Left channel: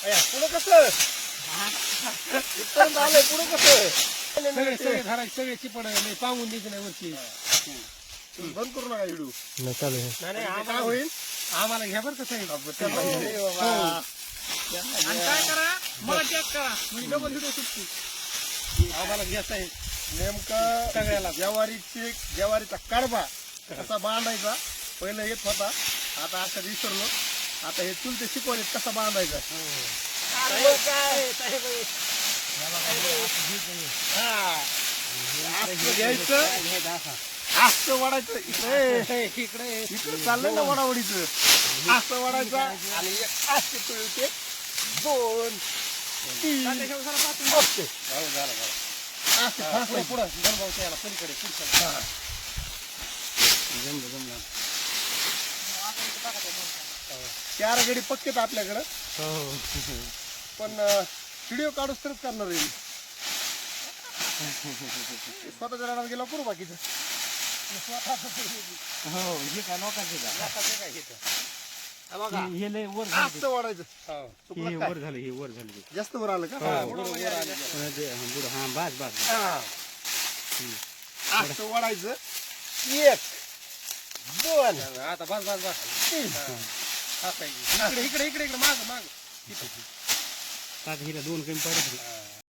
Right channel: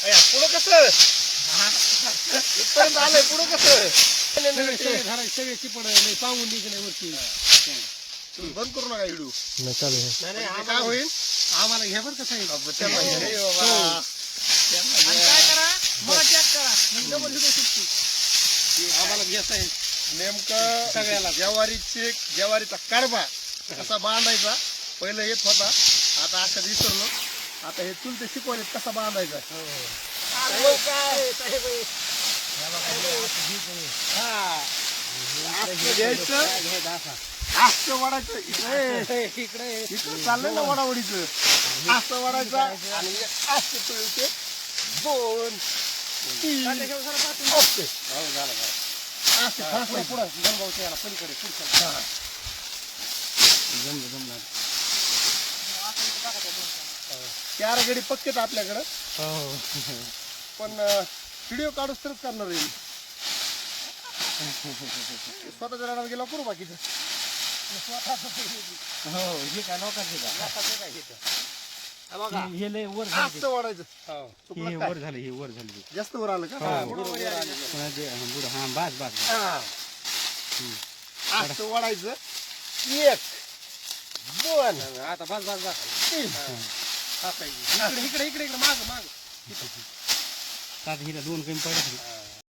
पुढं कसं? इथपर्यंत आलंय पुढं कसं? तुम्ही बंद करू नका व्हिडिओ नाही चालू आहे म्हणजे काय होईल? आम्हाला घ्या बरं कसं आहे अब त्यांना घ्या रे बाबा. घ्या. आम्हाला घ्यायचं आहे नेमकं ज्वारीची ज्वारीचा कडबा कसा बांधायचा? पहिलं येत होता. आता असं विसरलो. आता हे चुलते शिकवले कसा बांधायचा? हा. इकडे इकडे इकडे चाललंय ना वडावडीचं असं वाढायचा आणि असते तो इथे दोन तीन ओके असं फासलं पुढं गणभाऊच्या याला पलीकडे पुढच्या हा. चार गडी पक्केत आपल्याकडं. पण व्हिडिओ काढूच तरच करणार आहे मी. स्वतःच्या रानात गेला करू बाकीचं. हे लय वर असं वाढायचं चुकलं काय? वर झालं हे वर झालं जास्त वर आलं का? हा. बास बास. हा. असं वाढायचं एक दोन आता बस बस बस. तीन. इकडे इकडे इकडे माग माग. हिला दोन कमी पडत